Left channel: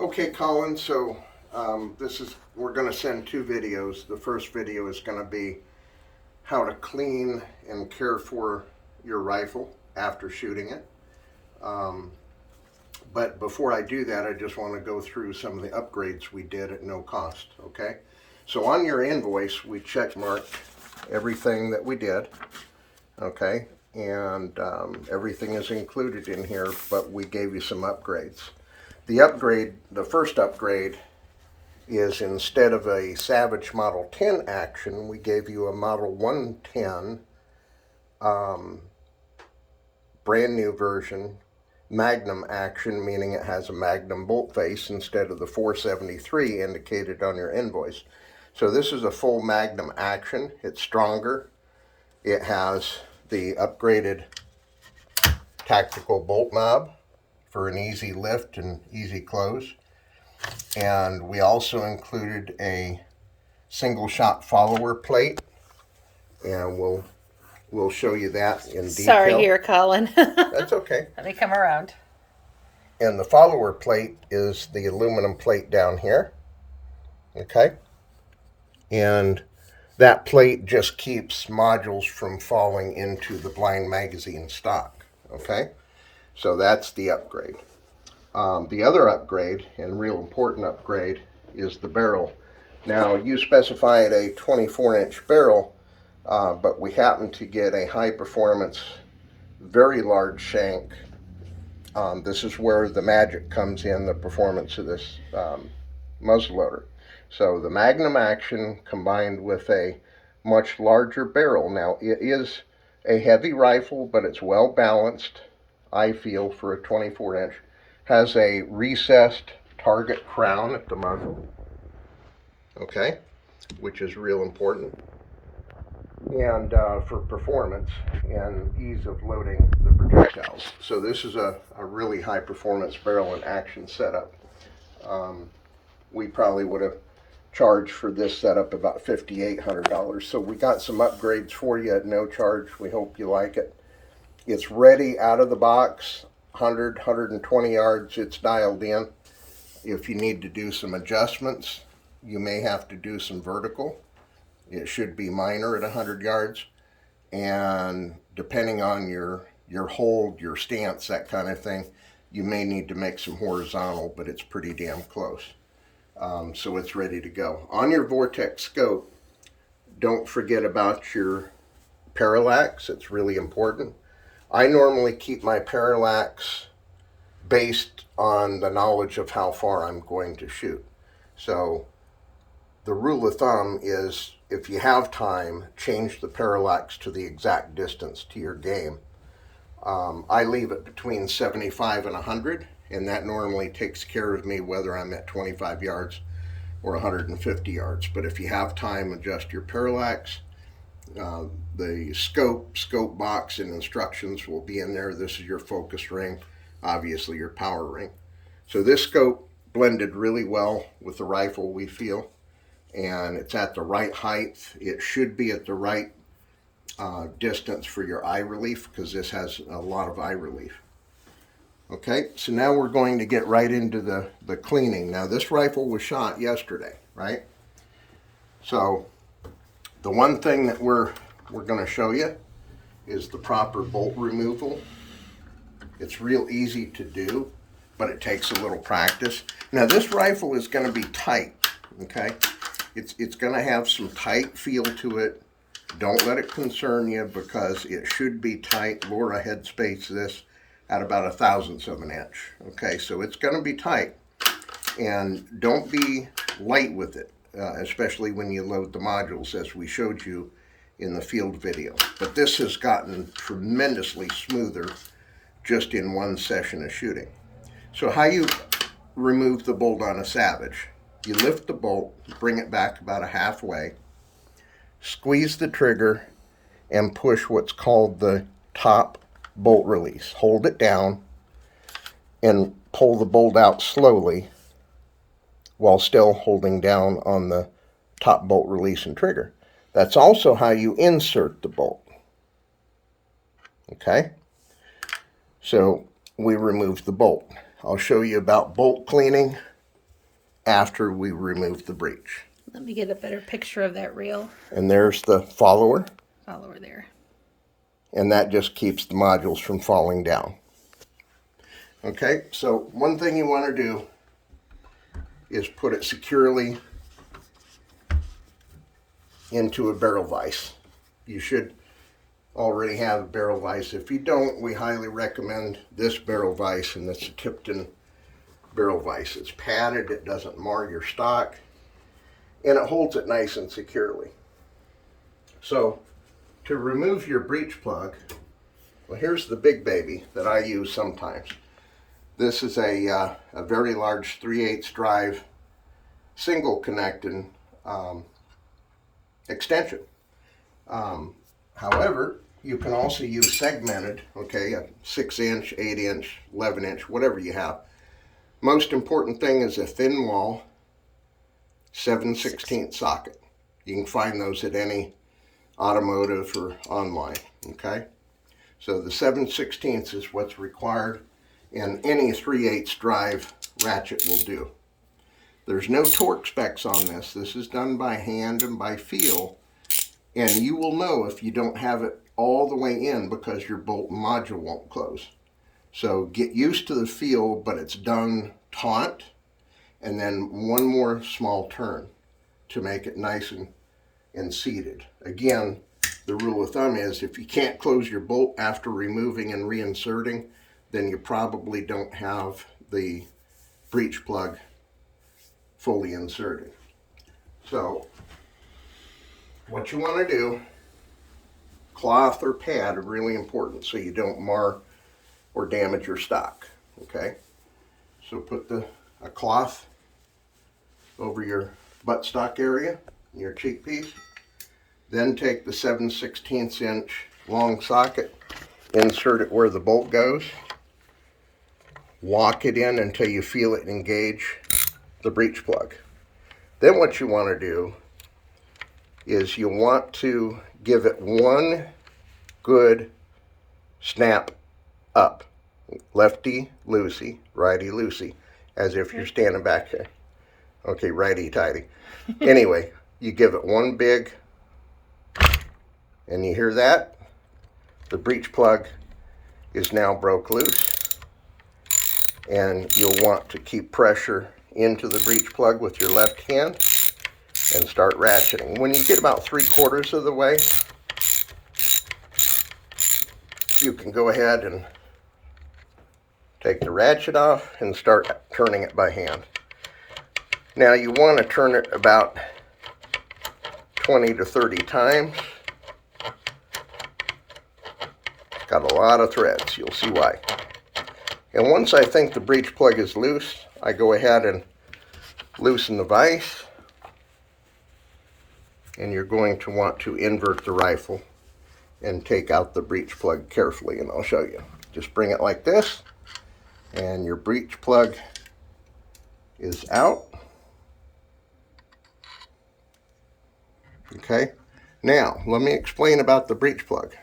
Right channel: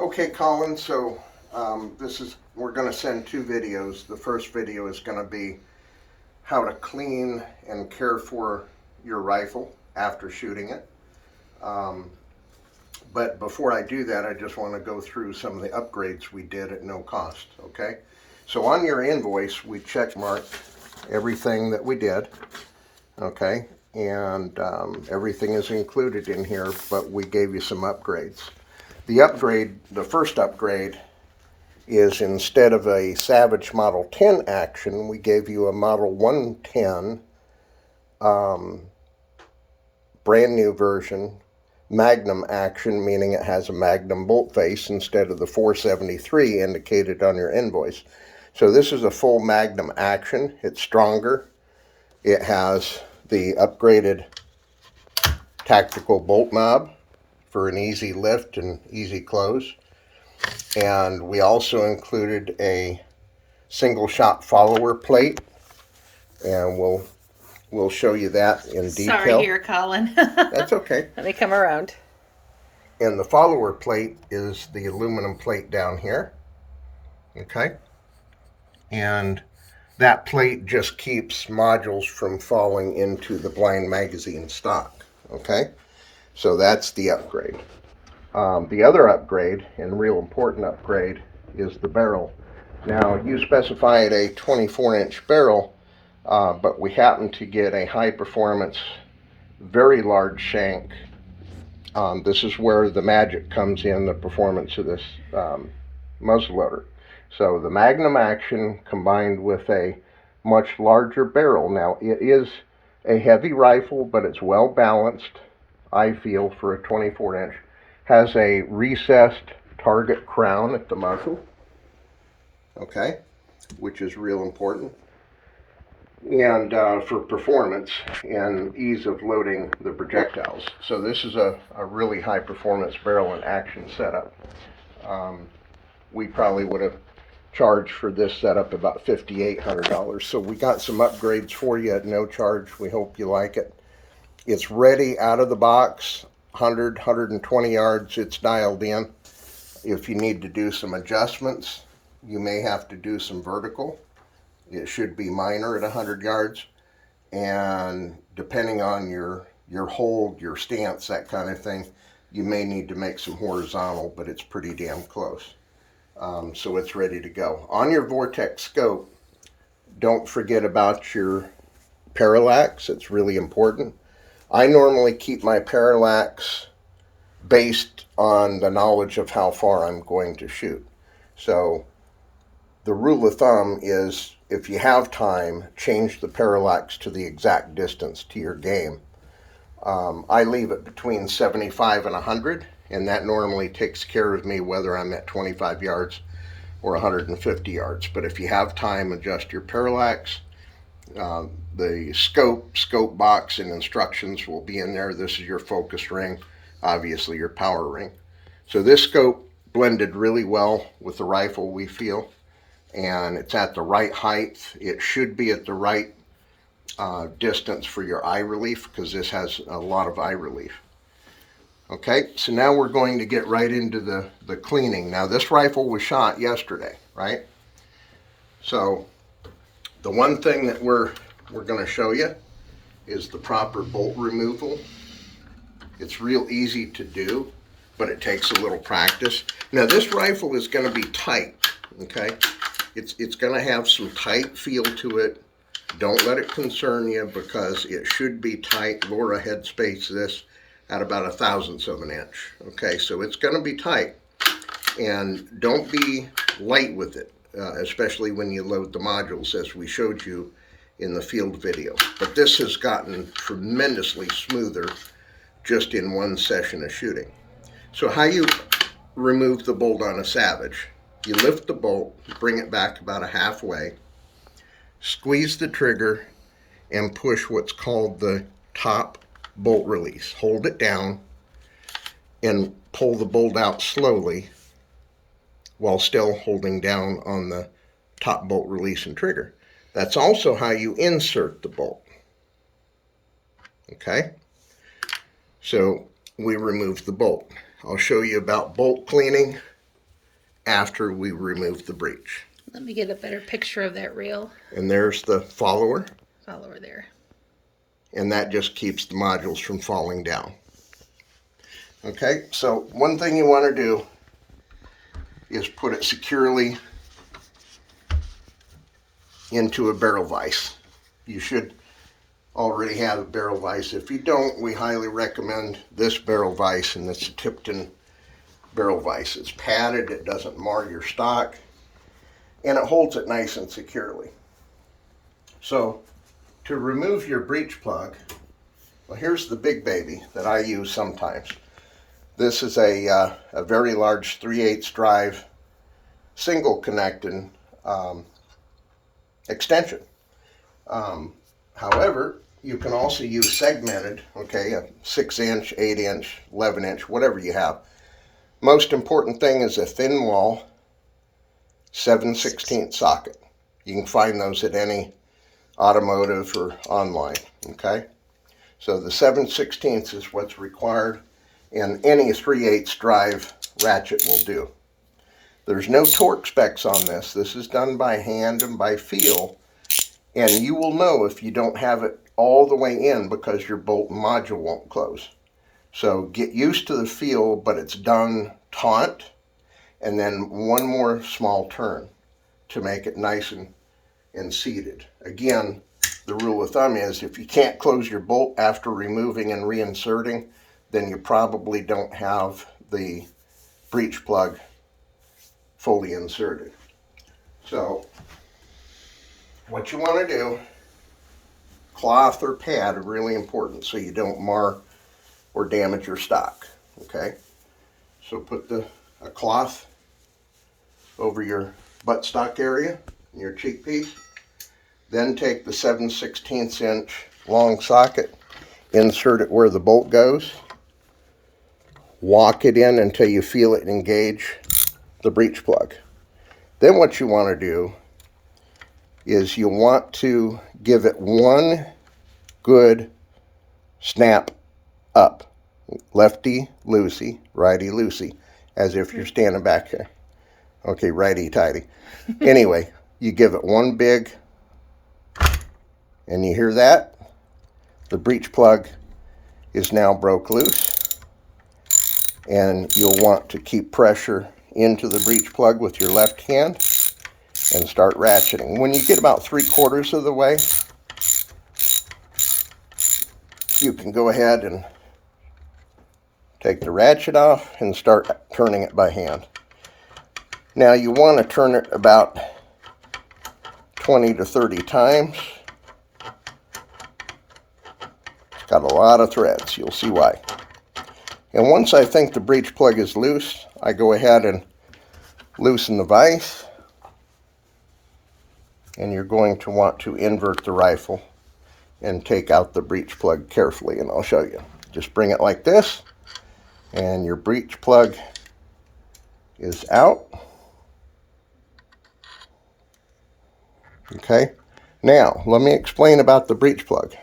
Okay, Collin, so we're going to send two videos. The first video is going to be how to clean and care for your rifle after shooting it. But before I do that, I just want to go through some of the upgrades we did at no cost, okay? So on your invoice, we check marked everything that we did, okay? And everything is included in here, but we gave you some upgrades. The first upgrade is instead of a Savage Model 10 action, we gave you a Model 110 brand new version Magnum action, meaning it has a Magnum bolt face instead of the 473 indicated on your invoice. So this is a full Magnum action. It's stronger. It has the upgraded tactical bolt knob for an easy lift and easy close. And we also included a single shot follower plate, and we'll show you that in detail. Sorry here, Collin. That's okay. Let me come around. And the follower plate is the aluminum plate down here. Okay. And that plate just keeps modules from falling into the blind magazine stock. Okay. So that's the upgrade. The other upgrade, and real important upgrade, is the barrel. Now, you specified a 24-inch barrel, but we happen to get a high-performance, very large shank. This is where the magic comes in, the performance of this muzzleloader. So the Magnum action combined with a much larger barrel. Now, it is a heavy rifle, but it's well balanced, I feel, for a 24-inch. Has a recessed target crown at the muzzle, okay, which is real important, and for performance and ease of loading the projectiles. So this is a really high performance barrel and action setup. We probably would have charged for this setup about $5,800. So we got some upgrades for you at no charge. We hope you like it. It's ready out of the box. 120 yards, it's dialed in. If you need to do some adjustments, you may have to do some vertical. It should be minor at 100 yards. And depending on your hold, your stance, that kind of thing, you may need to make some horizontal, but it's pretty damn close. So it's ready to go. On your Vortex scope, don't forget about your parallax. It's really important. I normally keep my parallax based on the knowledge of how far I'm going to shoot. So the rule of thumb is, if you have time, change the parallax to the exact distance to your game. I leave it between 75 and 100, and that normally takes care of me whether I'm at 25 yards or 150 yards. But if you have time, adjust your parallax. The scope box and instructions will be in there. This is your focus ring, obviously your power ring. So this scope blended really well with the rifle, we feel, and it's at the right height. It should be at the right distance for your eye relief, because this has a lot of eye relief. Okay, so now we're going to get right into the cleaning. Now, this rifle was shot yesterday, right? So the one thing that we're going to show you is the proper bolt removal. It's real easy to do, but it takes a little practice. Now, this rifle is going to be tight, okay? It's going to have some tight feel to it. Don't let it concern you, because it should be tight. Laura headspace this at about 1/1000th of an inch. Okay, so it's going to be tight. And don't be light with it, especially when you load the modules, as we showed you in the field video. But this has gotten tremendously smoother just in one session of shooting. So how you remove the bolt on a Savage: you lift the bolt, bring it back about halfway, squeeze the trigger, and push what's called the top bolt release. Hold it down and pull the bolt out slowly while still holding down on the top bolt release and trigger. That's also how you insert the bolt. Okay? So we removed the bolt. I'll show you about bolt cleaning after we remove the breech. Let me get a better picture of that reel. And there's the follower. Follower there. And that just keeps the modules from falling down. Okay, so one thing you want to do is put it securely into a barrel vise. You should already have a barrel vise. If you don't, we highly recommend this barrel vise, and it's a Tipton barrel vise. It's padded, it doesn't mar your stock, and it holds it nice and securely. So to remove your breech plug, well, here's the big baby that I use sometimes. This is a very large 3/8 drive single connecting extension. However, you can also use segmented, okay, a 6-inch, 8-inch, 11-inch, whatever you have. Most important thing is a thin wall 7/16 socket. You can find those at any automotive or online, okay? So the 7/16 is what's required, and any 3/8 drive ratchet will do. There's no torque specs on this. This is done by hand and by feel, and you will know if you don't have it all the way in because your bolt and module won't close. So get used to the feel, but it's done taut, and then one more small turn to make it nice and seated. Again, the rule of thumb is if you can't close your bolt after removing and reinserting, then you probably don't have the breech plug fully inserted. So what you want to do, cloth or pad are really important so you don't mar or damage your stock, okay? So put a cloth over your buttstock area, your cheek piece. Then take the 7/16 inch long socket, insert it where the bolt goes, walk it in until you feel it engage the breech plug. Then what you want to do is you want to give it one good snap up. Lefty loosey, righty loosey, as if you're standing back here. Okay, righty tighty. Anyway, you give it one big, and you hear that? The breech plug is now broke loose, and you'll want to keep pressure into the breech plug with your left hand and start ratcheting. When you get about 3/4 of the way, you can go ahead and take the ratchet off and start turning it by hand. Now you want to turn it about 20 to 30 times. It's got a lot of threads, you'll see why. And once I think the breech plug is loose, I go ahead and loosen the vise. And you're going to want to invert the rifle and take out the breech plug carefully, and I'll show you. Just bring it like this, and your breech plug is out. Okay, now let me explain about the breech plug.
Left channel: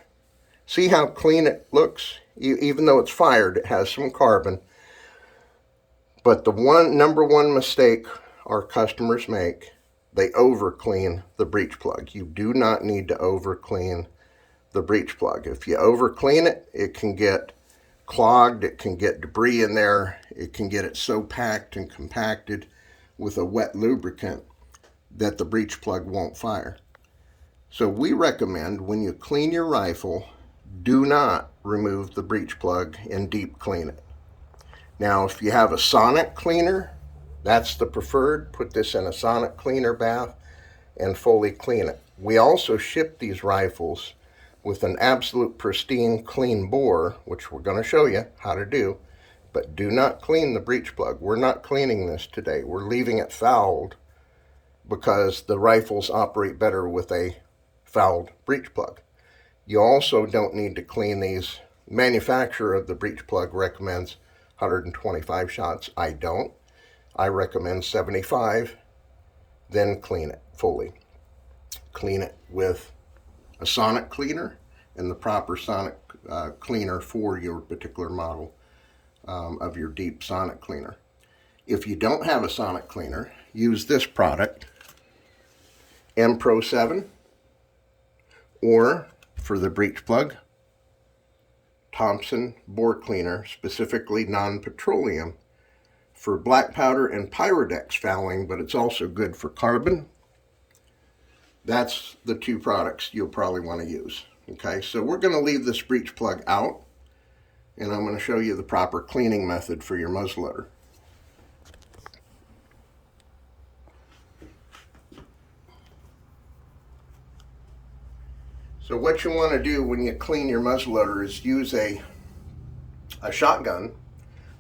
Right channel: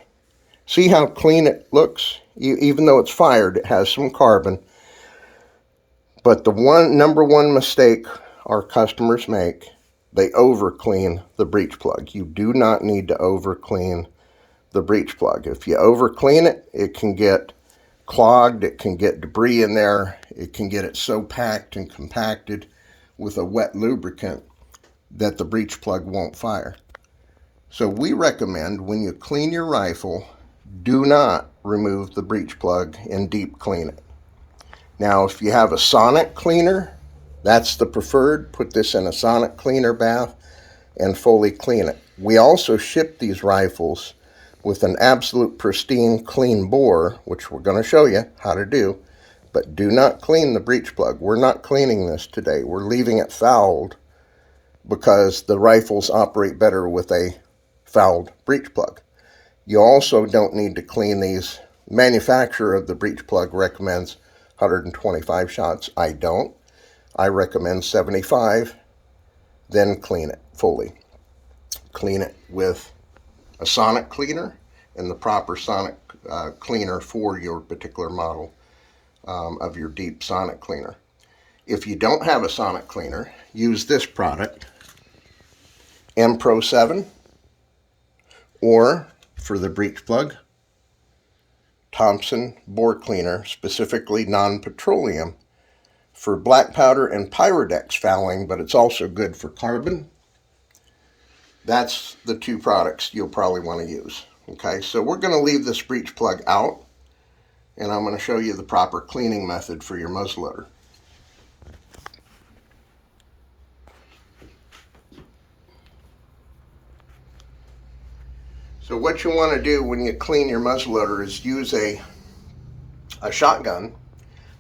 See how clean it looks? Even though it's fired, it has some carbon. But the number one mistake our customers make, they over clean the breech plug. You do not need to over clean the breech plug. If you over clean it, it can get clogged, it can get debris in there, it can get it so packed and compacted with a wet lubricant that the breech plug won't fire. So we recommend when you clean your rifle, do not remove the breech plug and deep clean it. Now if you have a sonic cleaner, that's the preferred. Put this in a sonic cleaner bath and fully clean it. We also ship these rifles with an absolute pristine clean bore, which we're going to show you how to do, but do not clean the breech plug. We're not cleaning this today. We're leaving it fouled because the rifles operate better with a fouled breech plug. You also don't need to clean these. Manufacturer of the breech plug recommends 125 shots. I don't. I recommend 75, then clean it fully. Clean it with a sonic cleaner and the proper sonic cleaner for your particular model of your deep sonic cleaner. If you don't have a sonic cleaner, use this product, Pro 7, or for the breech plug, Thompson bore cleaner, specifically non-petroleum, for black powder and Pyrodex fouling, but it's also good for carbon. That's the two products you'll probably want to use. Okay, so we're going to leave this breech plug out, and I'm going to show you the proper cleaning method for your muzzleloader. So what you want to do when you clean your muzzleloader is use a shotgun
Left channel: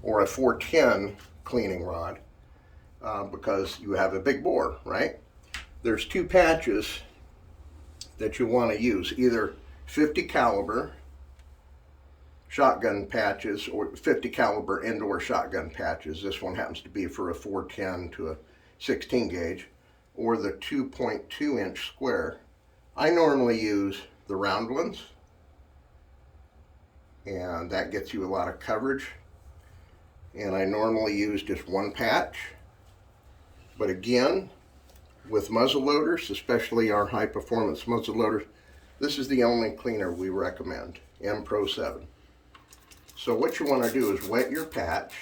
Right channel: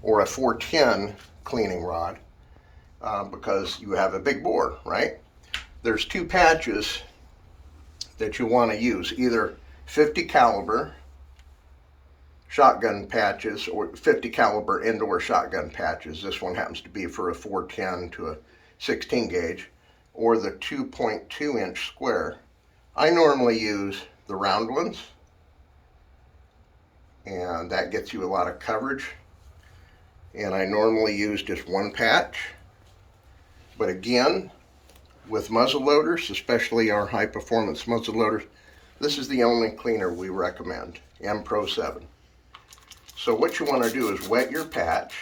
or a 410 cleaning rod because you have a big bore, right? There's two patches that you want to use, either 50 caliber shotgun patches or 50 caliber indoor shotgun patches. This one happens to be for a 410 to a 16 gauge, or the 2.2 inch square. I normally use the round ones, and that gets you a lot of coverage. And I normally use just one patch, but again, with muzzle loaders, especially our high performance muzzle loaders, this is the only cleaner we recommend, Pro 7. So what you want to do is wet your patch.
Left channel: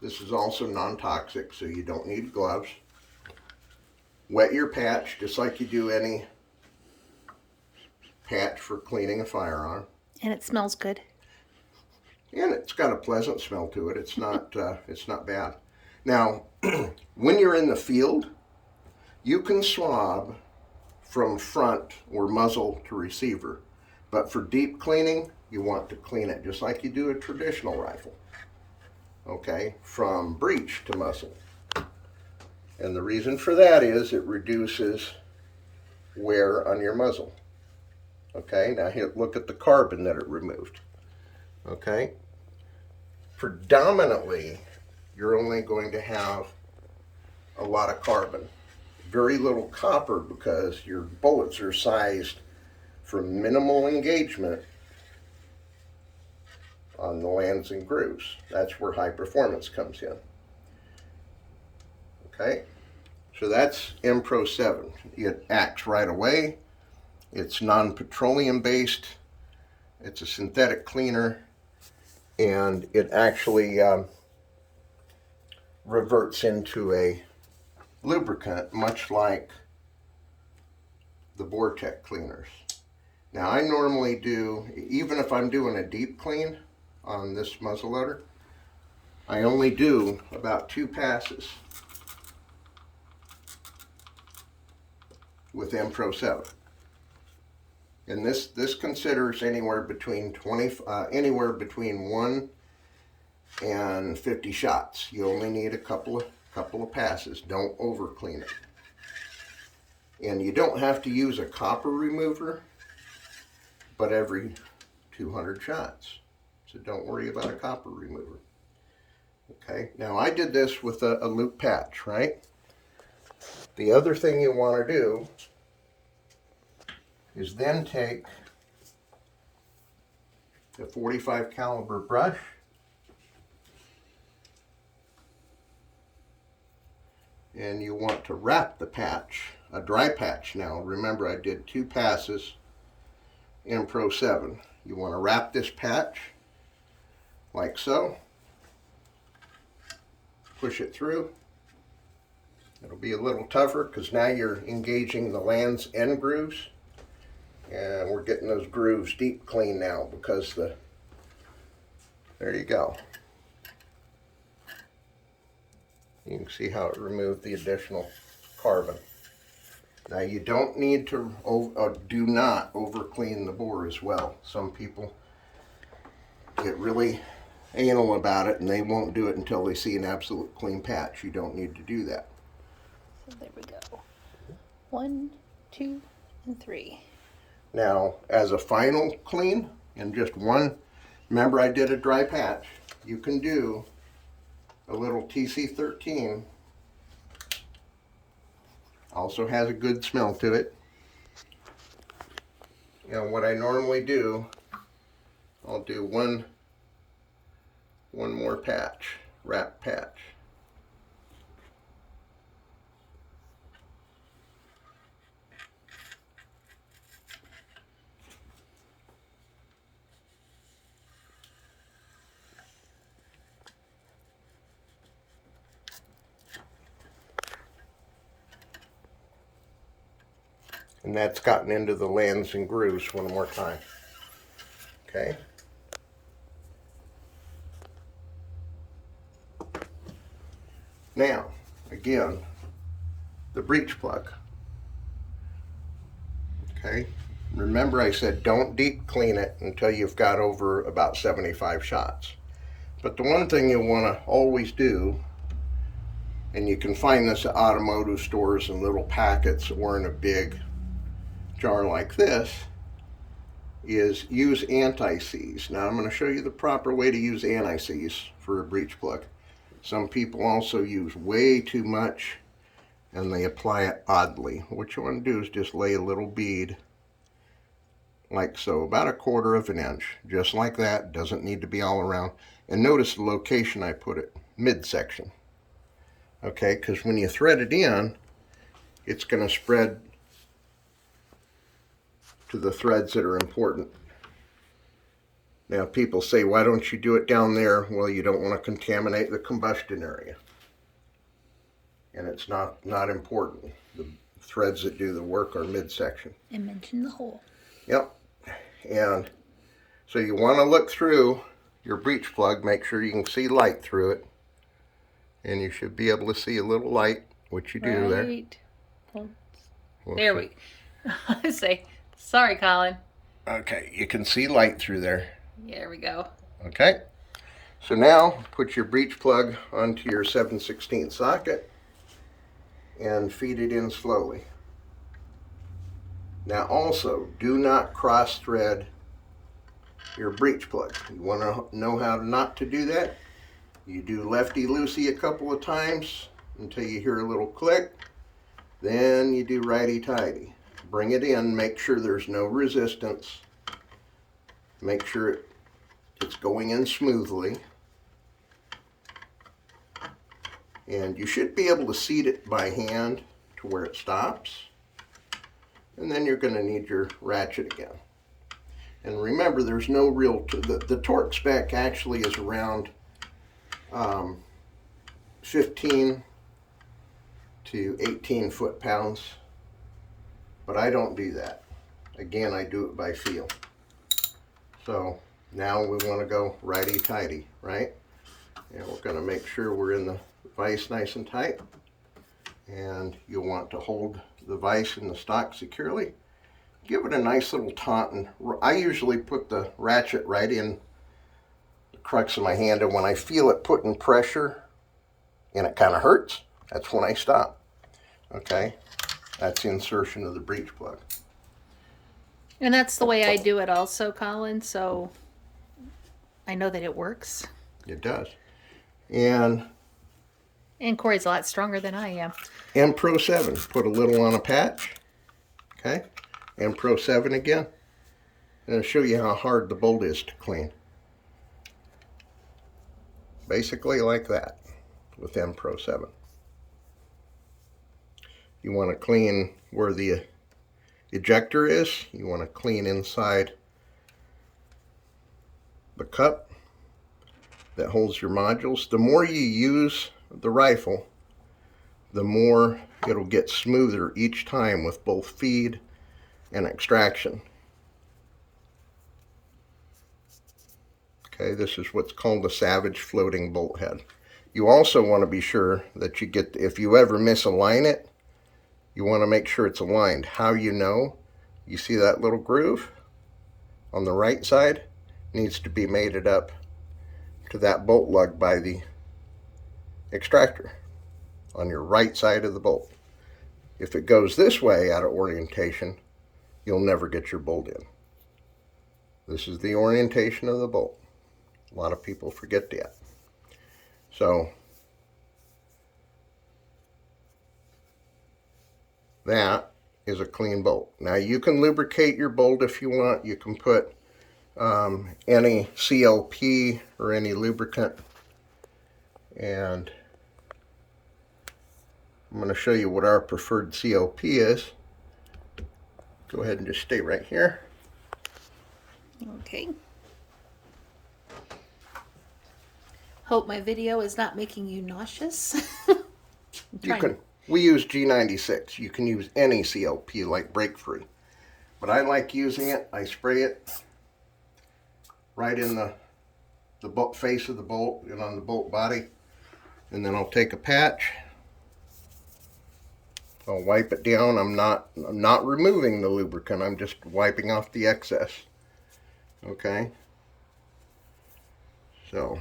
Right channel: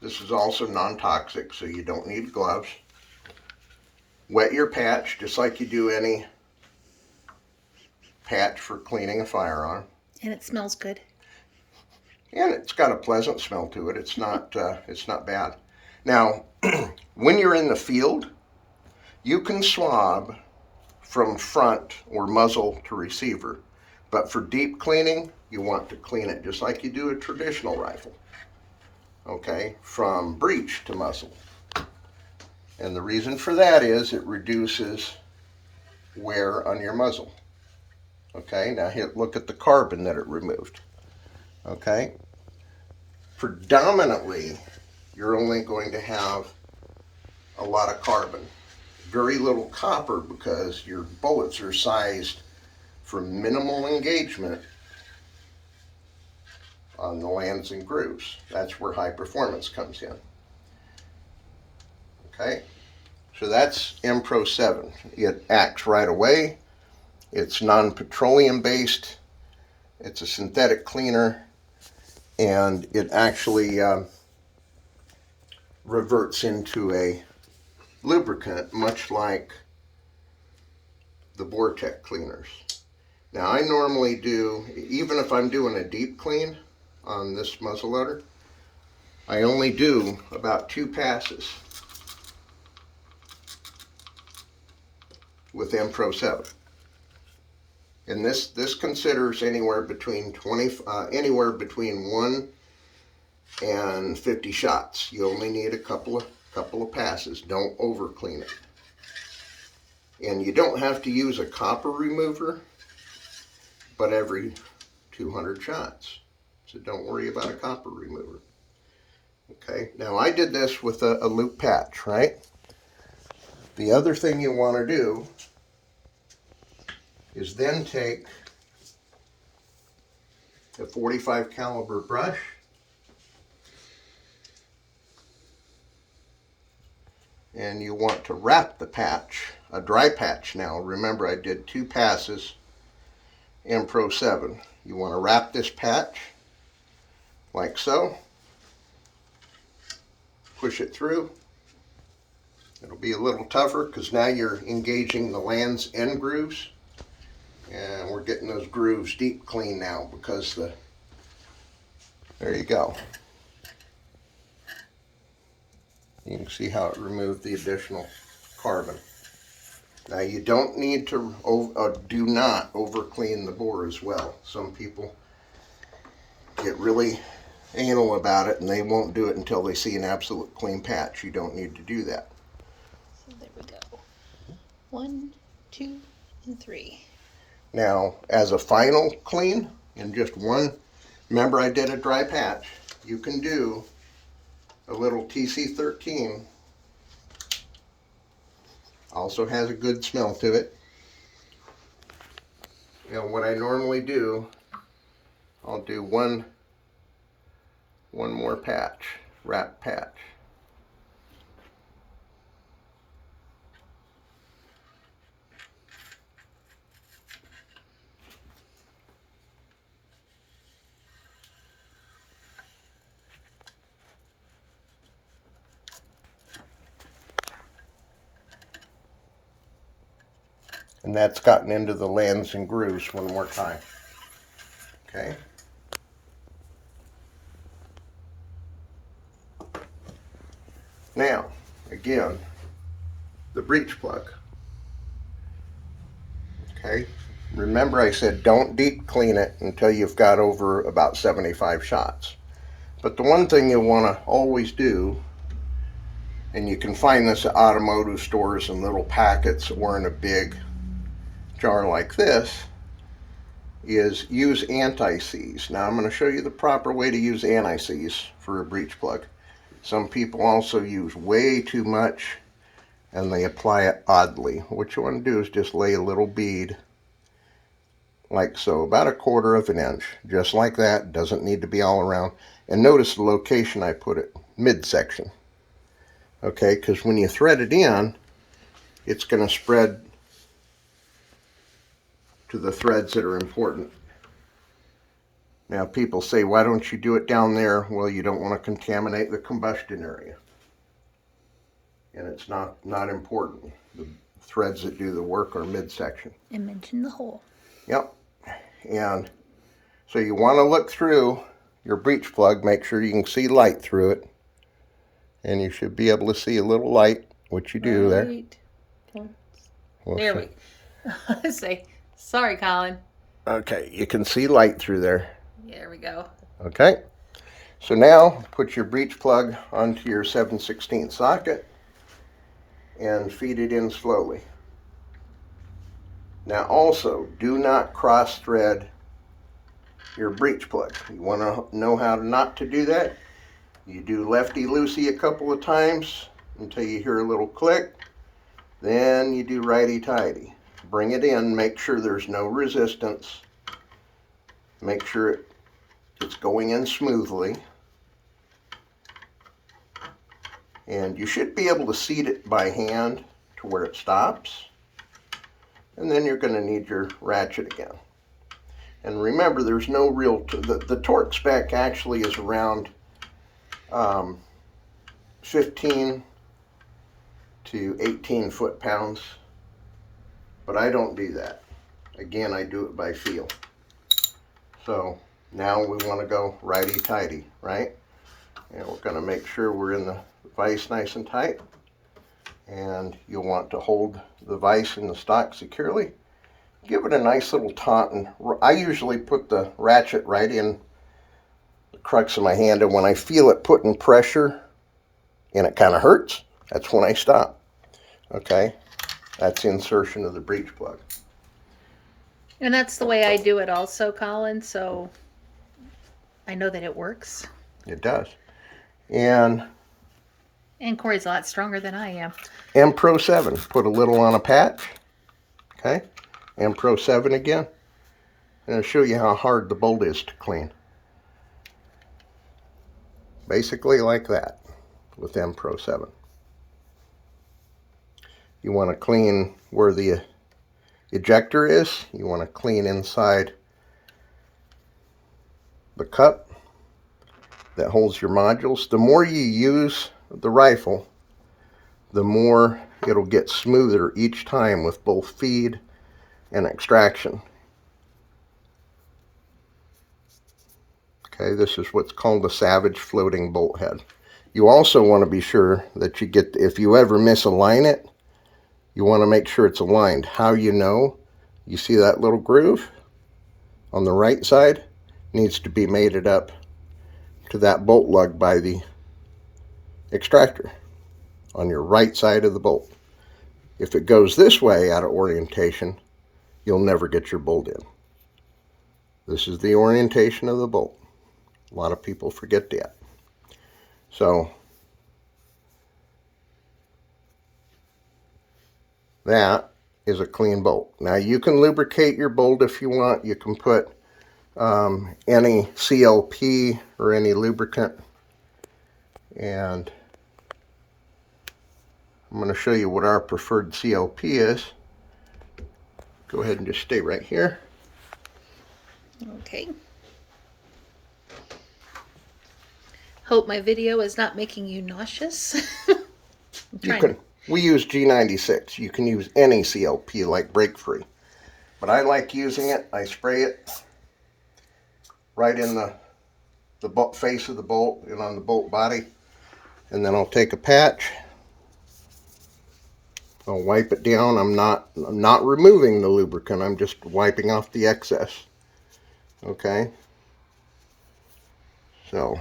This is also non-toxic, so you don't need gloves. Wet your patch just like you do any patch for cleaning a firearm. And it smells good. And it's got a pleasant smell to it. It's not bad. Now, when you're in the field, you can swab from front or muzzle to receiver. But for deep cleaning, you want to clean it just like you do a traditional rifle. Okay, from breech to muzzle. And the reason for that is it reduces wear on your muzzle. Okay, now look at the carbon that it removed. Okay, predominantly you're only going to have a lot of carbon, very little copper, because your bullets are sized for minimal engagement on the lands and grooves. That's where high performance comes in. Okay, so that's Pro 7. It acts right away. It's non-petroleum based. It's a synthetic cleaner, and it actually reverts into a lubricant, much like the Vortex cleaners. Now I normally do, even if I'm doing a deep clean on this muzzleloader, I only do about 2 passes with Pro 7. And this considers anywhere between 1 and 50 shots. You only need a couple of passes. Don't over clean it. And you don't have to use a copper remover, but every 200 shots. So don't worry about a copper remover. Okay, now I did this with a loop patch, right? The other thing you want to do is then take a 45 caliber brush and you want to wrap the patch, a dry patch now. Remember, I did 2 passes in Pro 7. You want to wrap this patch like so. Push it through. It'll be a little tougher because now you're engaging the lands and grooves. And we're getting those grooves deep clean now because there you go. You can see how it removed the additional carbon. Now you don't need to, do not over clean the bore as well. Some people get really anal about it and they won't do it until they see an absolute clean patch. You don't need to do that. So there we go. 1, 2, and 3. Now, as a final clean, in just one, remember I did a dry patch, you can do a little TC13. Also has a good smell to it. And what I normally do, I'll do one one more patch, wrap patch. And that's gotten into the lands and grooves one more time. Okay. Now, again, the breech plug. Okay. Remember I said don't deep clean it until you've got over about 75 shots. But the one thing you'll want to always do, and you can find this at automotive stores in little packets or in a big jar like this, is use anti-seize. Now I'm going to show you the proper way to use anti-seize for a breech plug. Some people also use way too much and they apply it oddly. What you want to do is just lay a little bead like so, about 1/4 inch, just like that. Doesn't need to be all around. And notice the location I put it, midsection. Okay, because when you thread it in, it's going to spread to the threads that are important. Now people say, why don't you do it down there? Well, you don't want to contaminate the combustion area. And it's not important. The threads that do the work are midsection. And mention the hole. Yep. And so you want to look through your breech plug, make sure you can see light through it. And you should be able to see a little light, which you do there. There we go. Say, sorry, Collin. Okay, you can see light through there. There we go. Okay, so now put your breech plug onto your 7/16 socket and feed it in slowly. Now also, do not cross thread your breech plug. You want to know how not to do that? You do lefty-loosey a couple of times until you hear a little click. Then you do righty-tighty. Bring it in, make sure there's no resistance. Make sure it's going in smoothly. And you should be able to seat it by hand to where it stops. And then you're going to need your ratchet again. And remember, there's no real, the torque spec actually is around 15 to 18 foot-pounds. But I don't do that. Again, I do it by feel. So now we want to go righty-tighty, right? And we're going to make sure we're in the vise nice and tight. And you'll want to hold the vise in the stock securely. Give it a nice little taut. I usually put the ratchet right in the crux of my hand, and when I feel it putting pressure and it kind of hurts, that's when I stop. Okay, that's the insertion of the breech plug. And that's the way I do it also, Collin, so I know that it works. It does. And Corey's a lot stronger than I am. M Pro 7, put a little on a patch. Okay, M Pro 7 again. And I'll show you how hard the bolt is to clean. Basically like that with M Pro 7. You want to clean where the ejector is. You want to clean inside the cup that holds your modules. The more you use the rifle, the more it'll get smoother each time with both feed and extraction. Okay, this is what's called a Savage floating bolt head. You also want to be sure that you get, if you ever misalign it, you want to make sure it's aligned. How you know? You see that little groove on the right side? Needs to be mated up to that bolt lug by the extractor on your right side of the bolt. If it goes this way out of orientation, you'll never get your bolt in. This is the orientation of the bolt. A lot of people forget that. So that is a clean bolt. Now you can lubricate your bolt if you want. You can put any CLP or any lubricant And I'm going to show you what our preferred CLP is. Go ahead and just stay right here. Okay. Hope my video is not making you nauseous. We use G96. You can use any CLP like break free. But I like using it. I spray it right in the face of the bolt and on the bolt body. And then I'll take a patch. I'll wipe it down. I'm not removing the lubricant. I'm just wiping off the excess. Okay. So.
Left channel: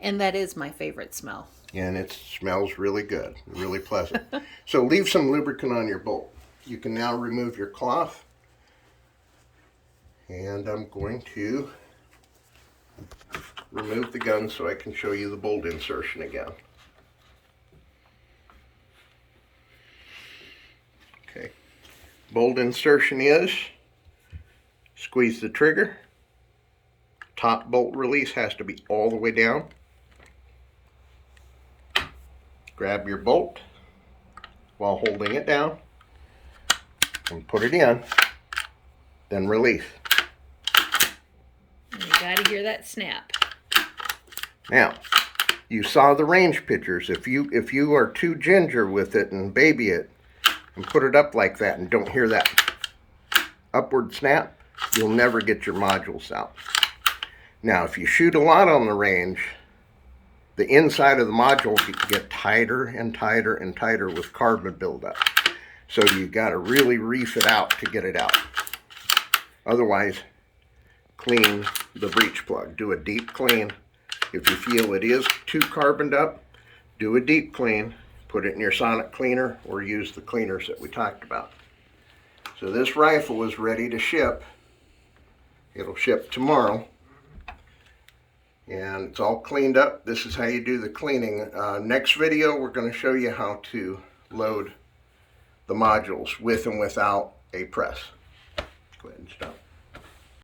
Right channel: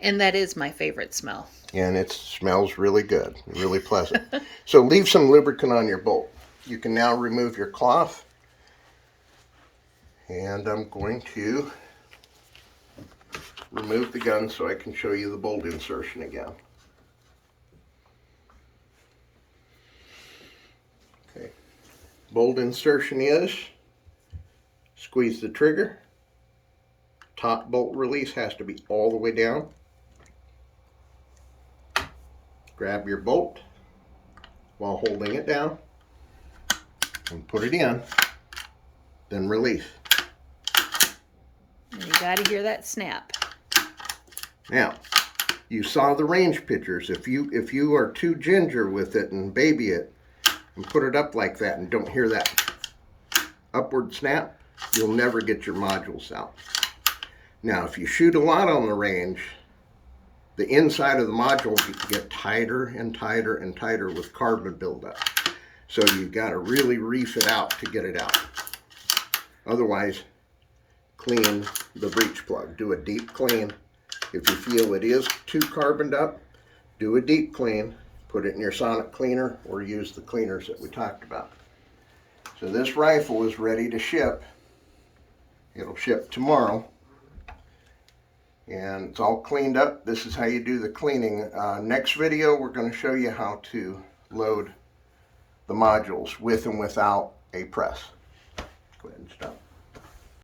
And that is my favorite smell. And it smells really good, really pleasant. So leave some lubricant on your bolt. You can now remove your cloth. And I'm going to remove the gun so I can show you the bolt insertion again. Okay. Bolt insertion is squeeze the trigger. Top bolt release has to be all the way down. Grab your bolt while holding it down and put it in, then release. And you got to hear that snap. Now, you saw the range pictures. If you are too ginger with it and baby it and put it up like that and don't hear that upward snap, you'll never get your modules out. Now, if you shoot a lot on the range, the inside of the module get tighter and tighter and tighter with carbon buildup. So you've got to really reef it out to get it out. Otherwise, clean the breech plug. Do a deep clean. If you feel it is too carboned up, do a deep clean. Put it in your sonic cleaner or use the cleaners that we talked about. So this rifle is ready to ship. It'll ship tomorrow. And it's all cleaned up. This is how you do the cleaning. Next video, we're going to show you how to load the modules with and without a press. Go ahead and stop.